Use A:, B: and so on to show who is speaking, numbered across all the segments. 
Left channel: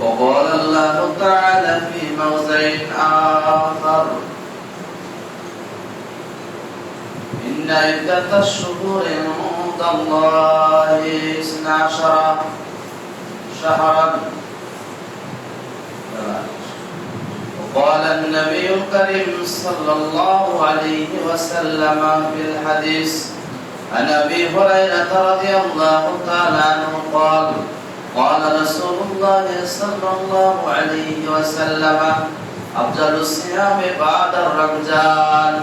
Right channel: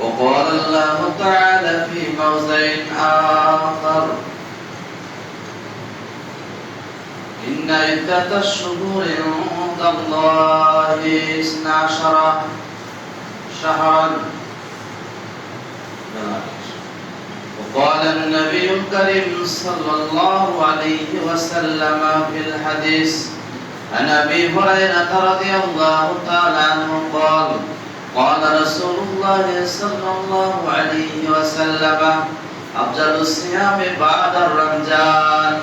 A: وقال الله تعالى في موضع آخر. إن عدة الشهور عند الله اثنا عشر شهرا. وقال النبي الكريم صلى الله عليه وسلم في الحديث عن أبي هريرة رضي الله تعالى عنه قال قال رسول الله صلى الله عليه وسلم افضل الصيام بعد الرمضان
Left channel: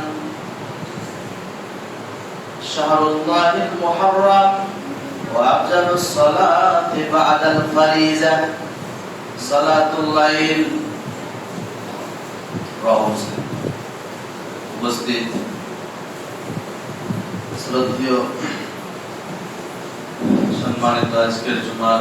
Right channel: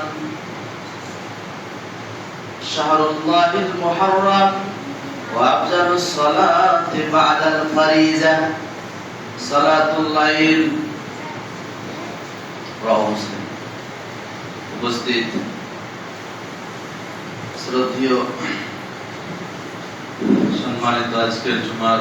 A: شهر الله المحرم وافضل الصلاه بعد الفريضه صلاه الليل রহ উপস্থিত শ্রদ্ধীয় সম্মানিত আজকের জুমার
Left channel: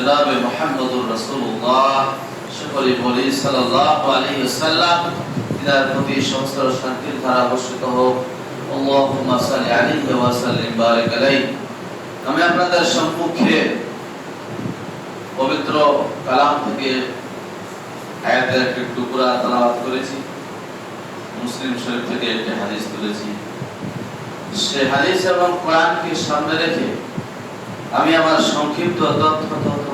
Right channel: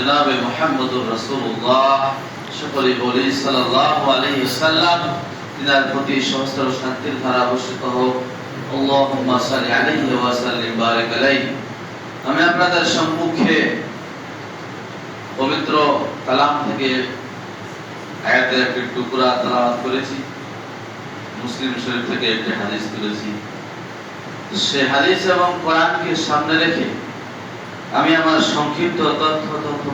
A: জনাবে বলি ওয়াসাল্লাম তিনার প্রতি সমস্ত শান্তির ধারা বর্ষিত হোক। আল্লাহুম্মা সাল্লি আলাইহি ওয়া সাল্লিম, বারাক আলাইহি। আমি আপনাদের সম্মুখে পবিত্র কালাম থেকে আয়াতের একটি টুকরা তেলাওয়াত করেছি। মুসলিম শরীফ থেকে একটি হাদিস তুলেছি। সে হাদিস এবং কোরআনকে সামনে রেখে আমি আমার সংক্ষিপ্ত তথ্য তথ্য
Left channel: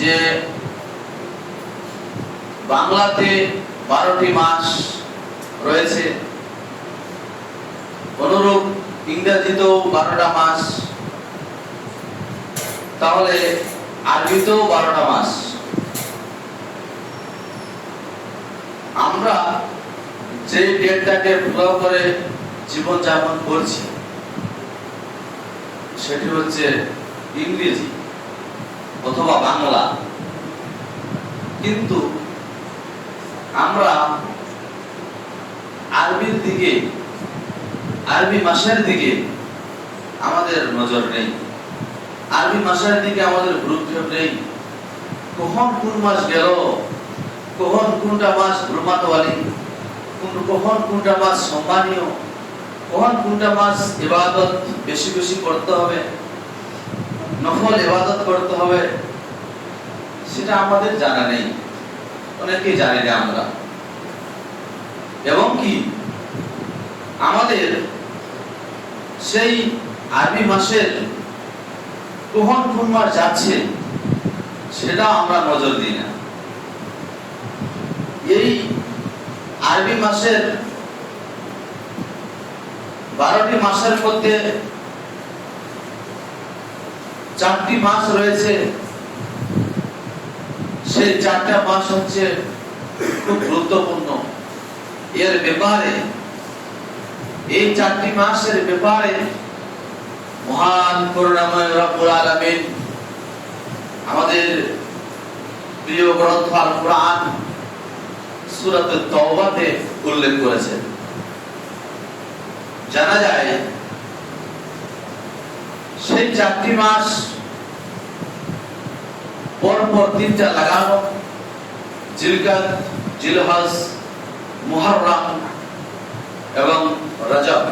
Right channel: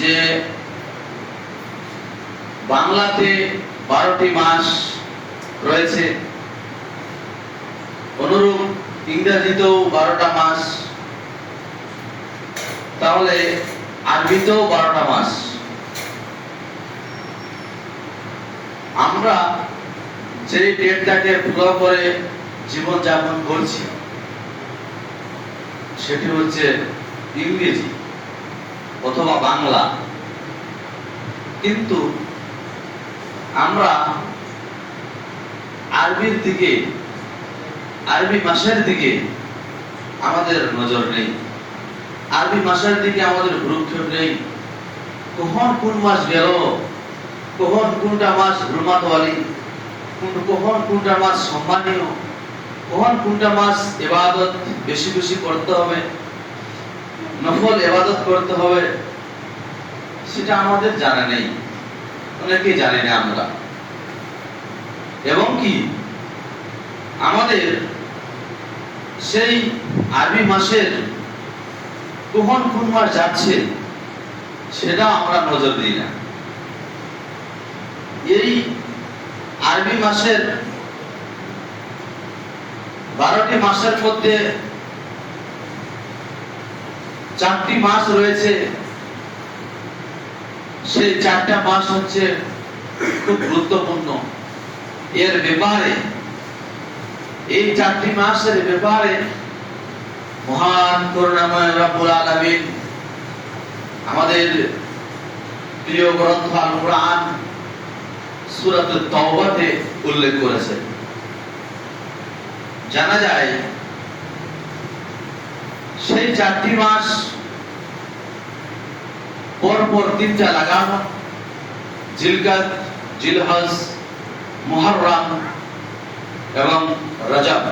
A: যে বাংলাতে বারোটি মাস রয়েছে, অনুরূপ ইংরেজিতেও বারোটা মাস, তাহলে আরবিতেও বারোটা মাস। আমরা যে ডেটটাকে ফলো করে জীবন যাপন করছি, সেটি হচ্ছে ইংরেজি। অথবা বাংলা। কিন্তু আমরা আরবির দিকে, আরবি মাসের দিকে আমাদের নজর নেই। আরবি মাসের দিকে আমাদের ভ্রুক্ষেপ নেই। কখন কোন মাস গেল, কখন কোনটা মাস ভ্রমাতওয়ালি কখন কোনটা মাস সম্মানীয়, কখন কোনটা মাস ইবাদত বেশি বেশি করতে হবে নফল ইবাদত করতে হবে, সেটা আমাদের জানা নেই। অনেকেই জানি না আমরা। এবং কি? আমাদের সেই আরবি মাসের কখন কোন মাস যাচ্ছে, সেটা আমরা নজর দিই না। এই আরবি মাসের বারোটি মাসের মধ্যে চারটি মাস রয়েছে। সেই চারটা মাস হচ্ছে খুব গুরুত্বপূর্ণ। এর ব্যাপারে, এই চারটি মাসের ব্যাপারে মহান করুণাময় রব্বুল আলামিন আমাদের প্রিয় গ্রন্থ আল কোরআন সূরাত তওবাতে উল্লেখ করেছে জানা যায় সেই চারটি মাস পর পর তিনটা লাগানো। জিলকাত, জিলহজ, মুহররম এবং রজব।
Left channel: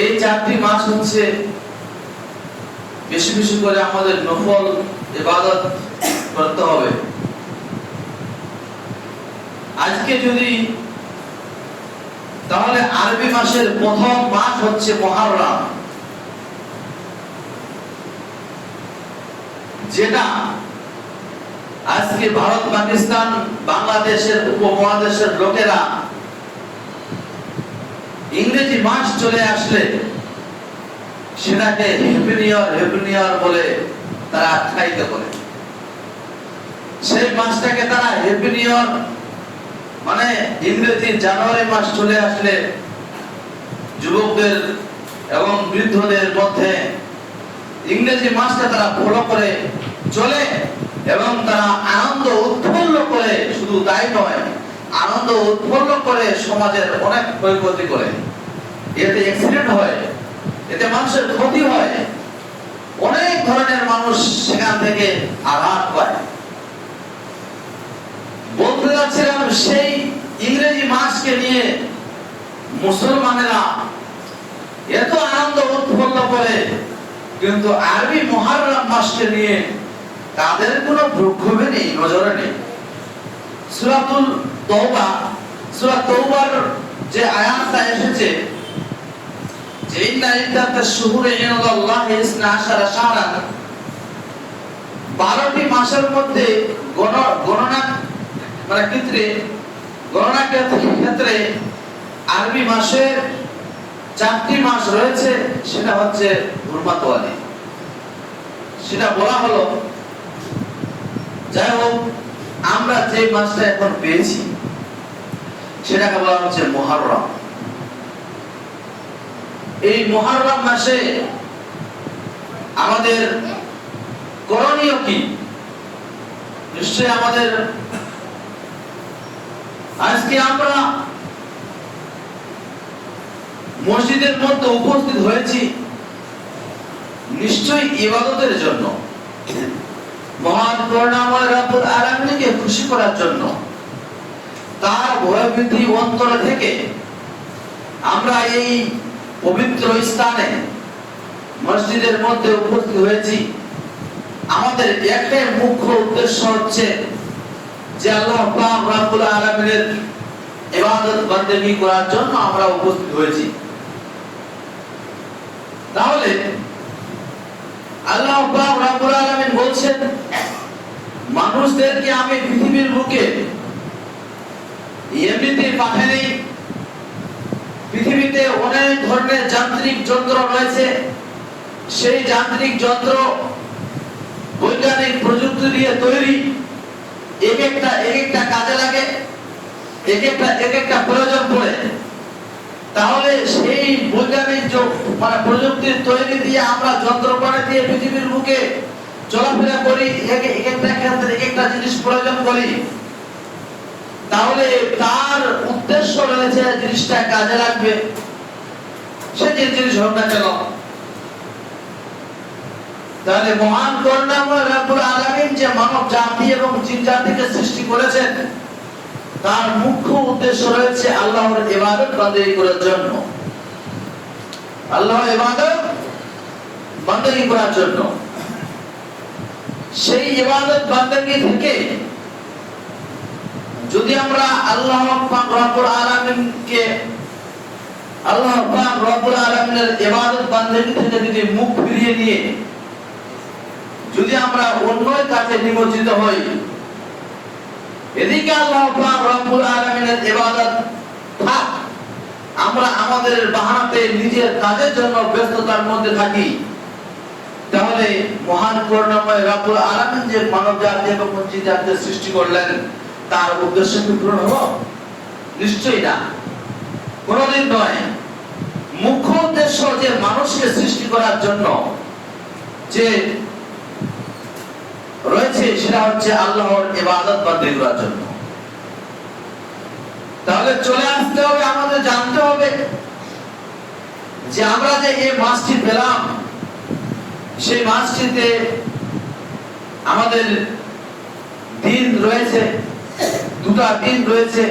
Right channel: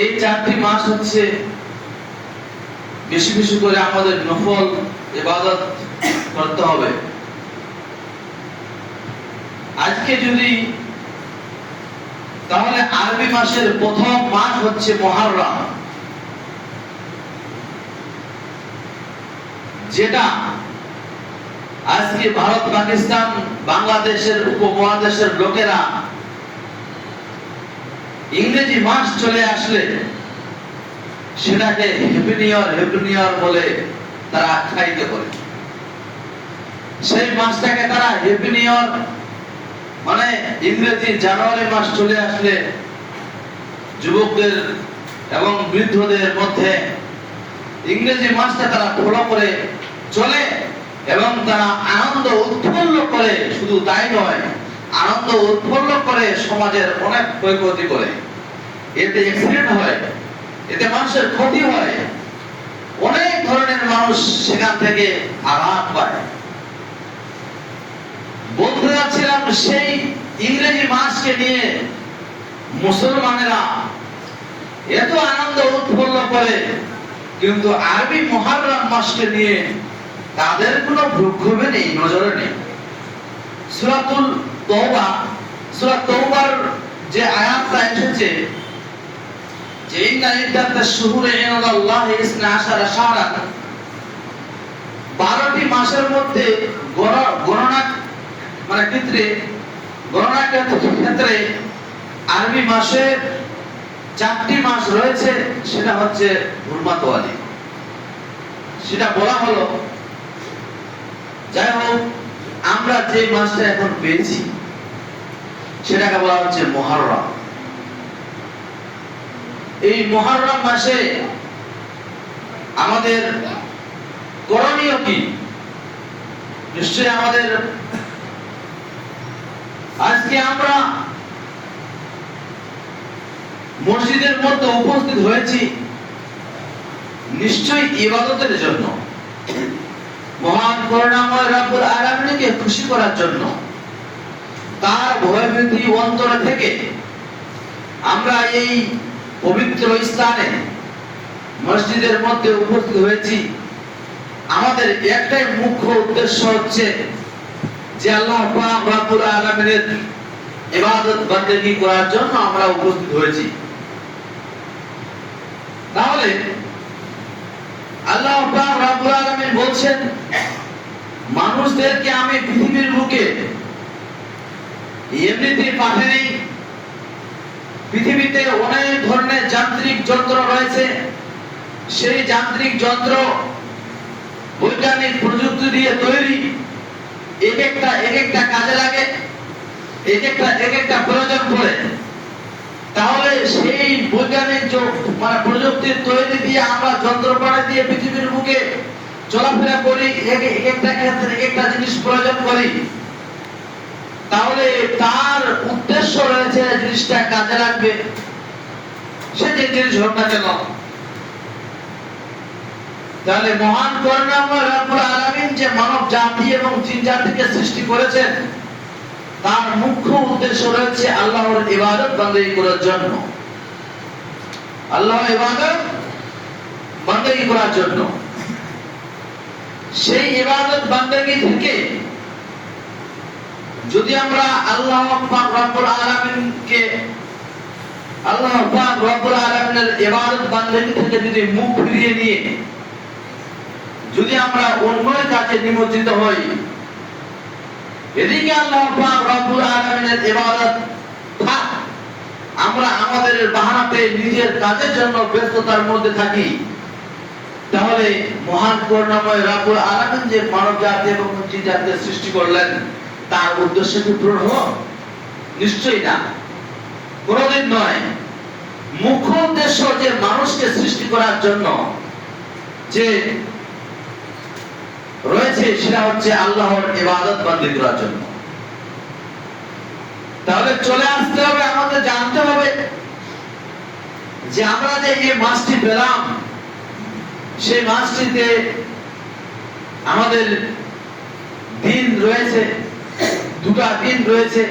A: এই চারটি মাস হচ্ছে বেশি বেশি করে আমাদের নফল, ইবাদত করতে হবে। আজকে যদি তাহলে আরবি মাসের প্রথম মাস হচ্ছে মহারম যেটা আজকে ভারত, পাকিস্তান, বাংলাদেশের উপমহাদেশের লোকেরা ইংরেজি মাস চলে আসলে সেটাকে নিউ ইয়ার বলে তারা আখ্যায়িত করে। সেই মাসটাকে তারা হেপিনিয়র মানে ইংরেজি জানুয়ারি মাস চলে আসলে যুবকদের এবং বৃদ্ধদের মধ্যে ইংরেজি মাসটা তারা ফলো করে চলে এবং তারা আনন্দ উৎফুল্ল করে, শুধু তাই নয়, আনন্দ উৎফুল্ল করে সমাজের অনেক ক্ষয়ক্ষতি করে। এতে অ্যাক্সিডেন্ট হয়, এতে মানুষের ক্ষতি হয়। অনেক ধরনের মানুষ সেখান থেকে আঘাত পায়। বলতে যাচ্ছিলাম সেই ইংরেজি মাসকে নিয়ে মুসলমানেরা এত আনন্দ উৎপন্ন করে, কিন্তু আরবি মহারম মাসকে নিয়ে তাদের কোনো প্রক্ষোভে নেই, নজরে নেই। সুরাতুল যে আয়াতটা এসেছে, যে ইসনা আশারা শাহরান 12টি মাসের মধ্যে গণ- গণনা মানে ক্ষেত্রে, গণনা ক্ষেত্রে আরবি মাসে চারটি মাস রয়েছে, সেটা হচ্ছে হুরমাতওয়ালি সেটা বলা হলো যাই হোক, আমরা যে মাসটা এখন পেয়েছি, সেটাকে বলা হচ্ছে মহরম। এই মহরম মাসে আমাদের করণীয় কি? নিশ্চয় আমাদের আজকে আমরা মসজিদের মধ্যে উপস্থিত হয়েছি নিশ্চয়ই ইবাদতের জন্য। মহান করুণাময় রব্বুল আলামিনকে খুশি করার জন্য, তার ভয়ভীতি অন্তর থেকে আমরা এই পবিত্র স্থানে, মসজিদের মধ্যে উপস্থিত হয়েছি। আমাদের একটাই মুখ্য উদ্দেশ্য হচ্ছে যে আল্লাহ পাক রব্বুল আলামিনের ইবাদত বান্দেগী করার জন্য আমরা উপস্থিত হয়েছি। তাহলে বলছেন, মানুষদেরকে আমি পৃথিবীর বুকে পাঠাই পৃথিবীতে অনেক ধরনের যান্ত্রিক যন্ত্র রয়েছে। সেই যান্ত্রিক যন্ত্র বৈজ্ঞানিক প্রযুক্তি দিয়ে তৈরি। এক একটা এক একটা কাজে লাগে, এক একটা এক একটা প্রয়োজন পড়ে। তাহলে সেই বৈজ্ঞানিক মানে তৈরি দিয়ে আমরা যন্ত্রপাতি দিয়ে পৃথিবীর বুকে চলাফেরা করি, এক এক একটা জিনিস প্রয়োজন করি। তাহলে তার উদ্দেশ্য রয়েছে জিনিসটা কাজে লাগবে। সে যে জিনিস হোক না কেন। তাহলে মহান করুণাময় যে মানব জাতি এবং জিন জাতিকে সৃষ্টি করেছেন, তার মুখ্য উদ্দেশ্য রয়েছে আল্লাহর ইবাদত বান্দেগী করার জন্য। আল্লাহর ইবাদত বান্দেগী করার জন্য। সেই ইবাদত বান্দেগী থেকে যদি আমরা আল্লাহ রব্বুল আল্লাহ রব্বুল ইবাদত বান্দেগী থেকে যদি মুখ ফিরিয়ে নিয়ে যদি আমরা অন্যের কাছে নিমজ্জিত হই, এদিকে আল্লাহ পাক রব্বুল আলামিনের ইবাদত থাক। আমরা আমাদের বাহানাতে নিজের কাজের জন্য ব্যস্ততার মধ্যে থাকি। তাহলে মহান করুণাময় রাব্বুল আলামিন যে মানব জাতি এবং জিন জাতির সৃষ্টি করলেন, তার উদ্দেশ্য কি পূরণ হলো? নিশ্চয়ই না। কোনোদিন নয়। মুখ্য উদ্দেশ্য যে মানুষকে সৃষ্টি করার জন্য যে রয়েছে, সেটা হচ্ছে আল্লাহর ইবাদত বান্দি করার জন্য। তাহলে চলে আসতে হবে, আমাদের জানতে হবে যে আমরা যে এই মাসটি পেলাম, সেই মাসটিতে আমাদের দিন রয়েছে, দুটা দিন রয়েছে,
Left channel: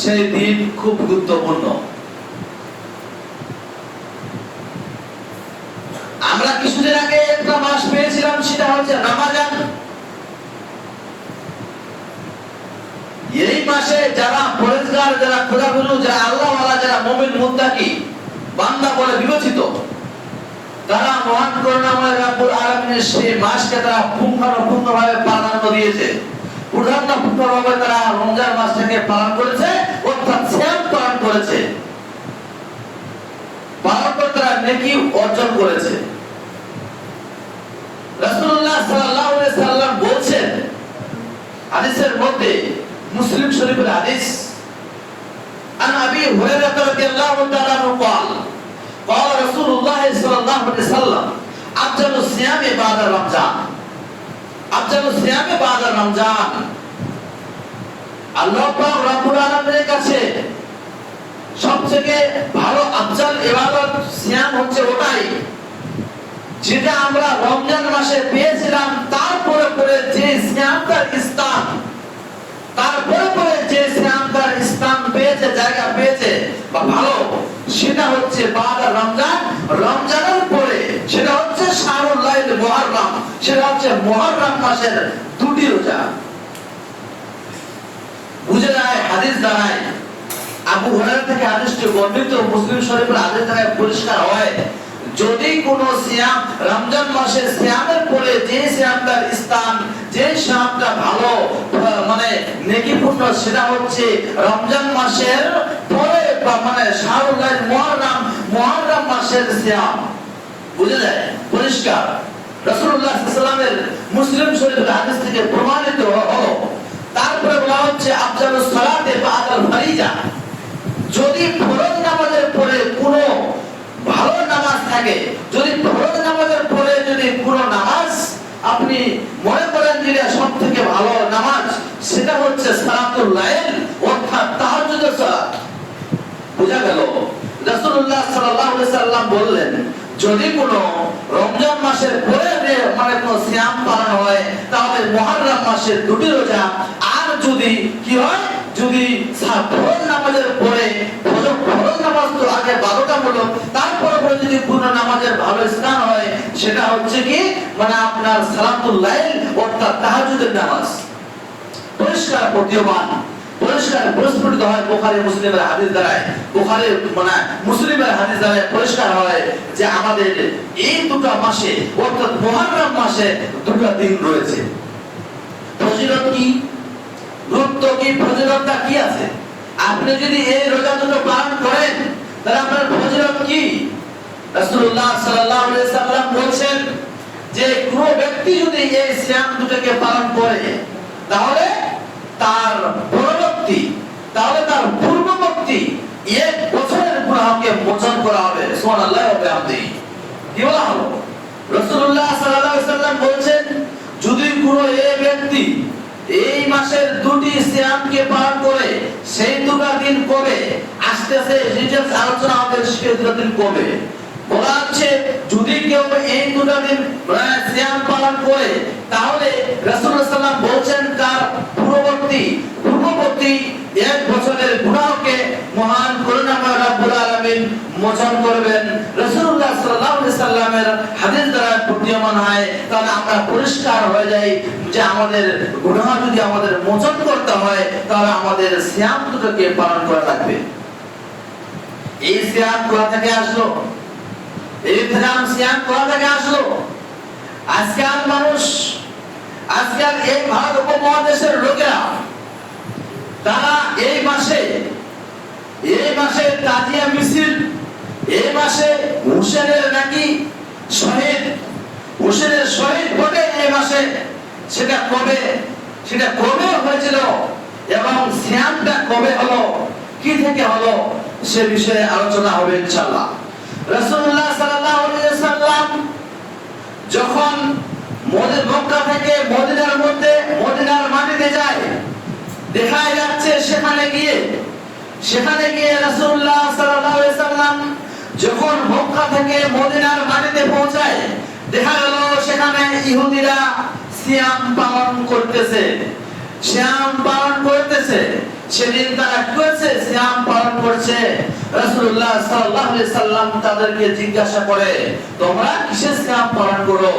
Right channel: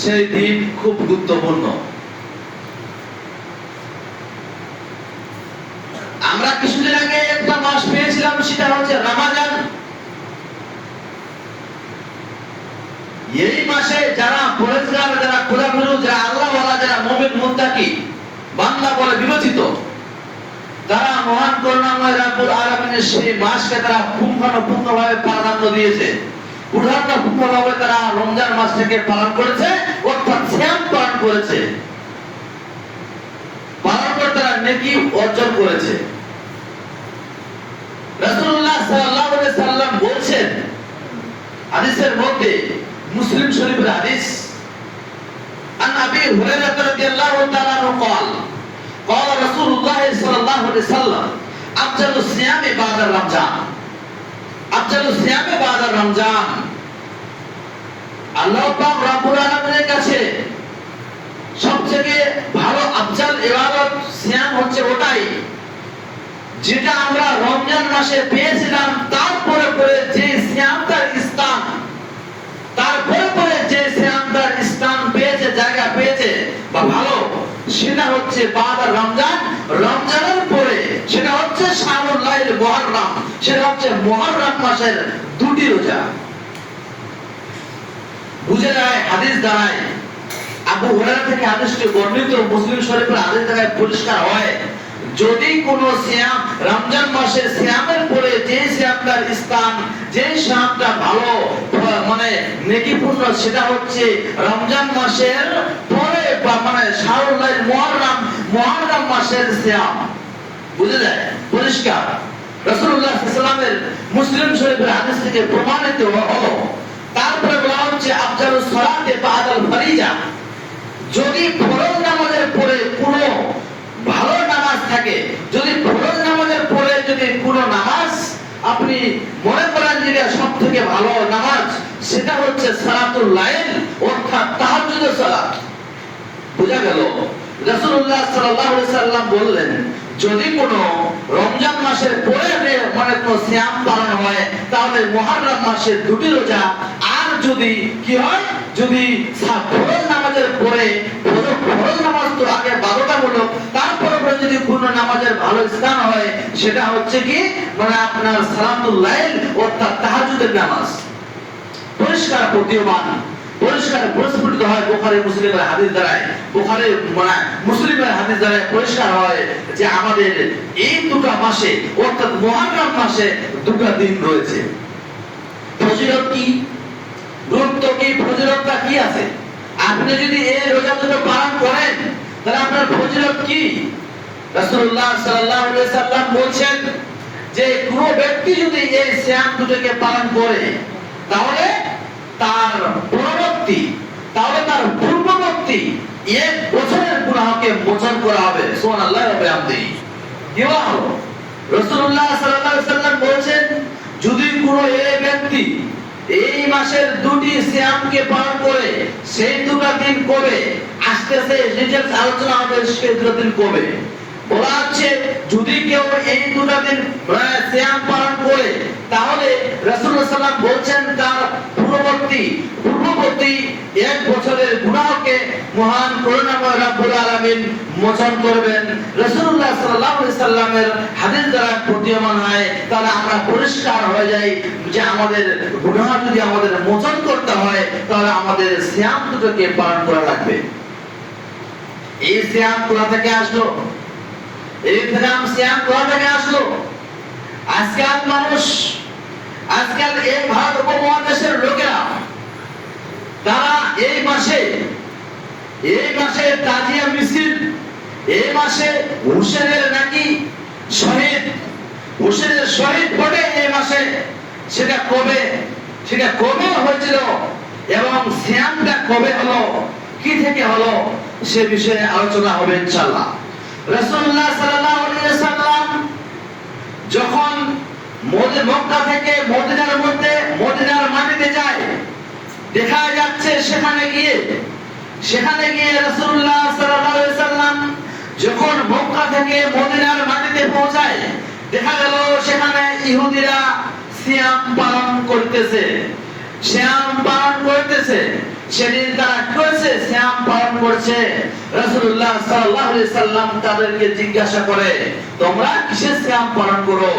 A: সেই দিন খুব গুরুত্বপূর্ণ। আমরা কিছুদিন আগে একটা মাস পেয়েছিলাম, সেটা হচ্ছে রামাজান এই মাসে যারা পরেজগার খোদাখুদু যারা আল্লাহ যারা মোমিন মুত্তাকি, বান্দা বলে বিবেচিত, তারা মহান করুণাময় রাব্বুল আলামিনের সেই মাসকে তারা পুঙ্খানুপুঙ্খভাবে প্রাধান্য দিয়েছে। পুঙ্খানুপুঙ্খভাবে তারা রমজান মাসটাকে পালন করেছে, অর্থাৎ সিয়াম পালন করেছে। পালন করে তারা নেকি অর্জন করেছে। রাসূলুল্লাহ সাল্লাল্লাহু আলাইহি সাল্লাম বলছেন, হাদিসের মধ্যে মুসলিম শরীফের হাদিস عن ابي هريره رضي الله تعالى عنه قال قال رسول الله صلى الله عليه وسلم افضل الصيام بعد رمضان افضل الصيام بعد رمضان আল্লাহ পাক রব্বুল আলামিনের কাছে সবথেকে ভালো আফজাল ইবাদত সিয়াম হচ্ছে ওটাই যেটা আমরা রমজান মাসে পেয়েছিলাম তারপরে পরে যে সিয়ামটার স্থান তারপরে সেটা হচ্ছে বাদ রমজান। রমজানের পরে সেটা হচ্ছে শাহুল লাইল সেটা হচ্ছে মুহররম মাসের দুটি রোজা। বুঝে যায় হাদিস দাঁড়ায় আবু হুরায়রা থেকে আদেশটি বর্ণিত, মুসলিম শরীফের আদেশ দ্বারা পরিষ্কার হয়। যদি কোন সিয়াম রমজান মাসে সিয়ামের পরে যে সিয়ামটার স্থান, যে সিয়ামটা ভালো মানে নেকিপূর্ণ, সেটা হচ্ছে রমজান মাসের পরে বা মানে শাহুল্লাহ মুহররম মুহররম মাসের সিয়াম। বুঝে যায়? পরিষ্কার? সাল্লাল্লাহু মুসলিম শরীফের হাদিস থেকে প্রমাণিত তারপরে বলা হচ্ছে বাদাল ফারিজা। যদি ফরজ নামাজের পরে কোনো ভালো নামাজ থাকে। যদি ফরজ নামাজের পরে যদি কোনো নামাজ আপনি মনে করেন যে সব থেকে ভালো নামাজ, সেটা হচ্ছে সালাতুল লাইল অর্থাৎ তাহাজ্জুদের সালাত। বোঝা গেল? রাসূলুল্লাহ সাল্লাল্লাহু আলাইহি সাল্লাম বললেন, যদি কোনো রমজান মাসের পরে মানে কোনো সিয়াম পালন হয়, তাহলে মুহররম মাসের দুটি রোজা। আর যদি কি হয়? যদি ফরজ নামাজের পরে, ফরজ- নামাজ তো আগে বারোটা হলো পরে যদি পূর্ণ নামাজের ভালো স্থান হয়, সেটা হচ্ছে কি? মানে আপনার সালাতুল্লাইল অর্থাৎ তাহাজ্জুদের নামাজ। পরিষ্কার প্রতীয়মান, পরিষ্কার প্রস্ফুটিত হয় বোখারি মুসলিমের হাদিস দ্বারায়। বোখারি মানে মুসলিমের হাদিস দ্বারায় পরিষ্কার হয় যে আমাদের এই দুটো মাসে, অর্থাৎ মুহররম মাসে দুটো দিন রয়েছে। ফজিলত কি? গুরুত্ব কি? ফজিলতটা কি আছে? আপনি যদি এই রোজা দুটো পালন করেন, তাহলে আপনার ফজিলত কি? রাসূলুল্লাহ সাল্লাল্লাহু আলাইহি সাল্লাম বলছেন যে কোন ব্যক্তি যদি এই সিয়াম দুটোকে পালন করে, তাহলে তার পরবর্তী, তাহলে তার পূর্ববর্তী এক বছরের গুনাহকে মোচন করা হবে। সুবহানাল্লাহ ওয়া বিহামদিহি রাসূলুল্লাহ সাল্লাল্লাহু আলাইহি সাল্লাম বলেছেন, যদি কোনো এই ব্যক্তি এই মাসের দুটি সিয়ামকে পালন করে, সেই দুটা দিন কবে? আস্তে আস্তে ডিটেলস আলোচনা হবে সেই দুটো দিন কবে বলা হচ্ছে যদি কেউ এই দুটা দিন সিয়াম পালন করে, তাহলে রাসূলুল্লাহ সাল্লাল্লাহু বলছেন, তার পূর্ববর্তী পূর্ববর্তী এক বছরের গুনাহকে মহান করুণাময় রাব্বুল আলামিন মোচন করবেন। রাসূলুল্লাহ সাল্লাল্লাহু সাল্লামের হাদিস দ্বারা প্রতীয়মান হয়, তাহলে আমরা পরিষ্কার হয়ে যাই যে আমাদের গুনাহ যদি আমাদের মোচন করতে হয়, তাহলে আমাদের সিয়াম দুটোকে পালন করা লাগবে। এই সিয়াম কোথা থেকে আসলো? এই সিয়াম কোথা থেকে আসলো এই ভারত উপমহাদেশের তারা এই মাসে হুসেনের নাকি শহীদ, হুসেনের শহীদ ঘটে এই মাসে। সেটা কবে? সেটা কবে হয়েছিল? এবং সিয়ামটা কবে হলো? কি থেকে হলো? সে বিষয়ে আলোচনা হবে ইনশাআল্লাহ। রাসূলুল্লাহ সাল্লাল্লাহু আলাইহি সাল্লাম যখন মদিনা মক্কা থেকে মদিনার মধ্যে, মদিনার মাটিতে যায়, দেখা যাচ্ছে সেখানে গিয়ে সেখানে গিয়ে রাসূলুল্লাহ সাল্লাল্লাহু আলাইহি সাল্লাম যখন মক্কা থেকে মদিনার মাটিতে পৌঁছায়, দেখা গেল সেখানে ইহুদিরা সিয়াম পালন করতেছে। শ্যাম পালন করতেছে। সেদিন তারা করেছে শ্যাম পালন করছে। রাসূলুল্লাহ সাল্লাল্লাহু আলাইহি সাল্লাম তাদেরকে জিজ্ঞাসা করে, তোমরা কিসে শ্যাম পালন করো?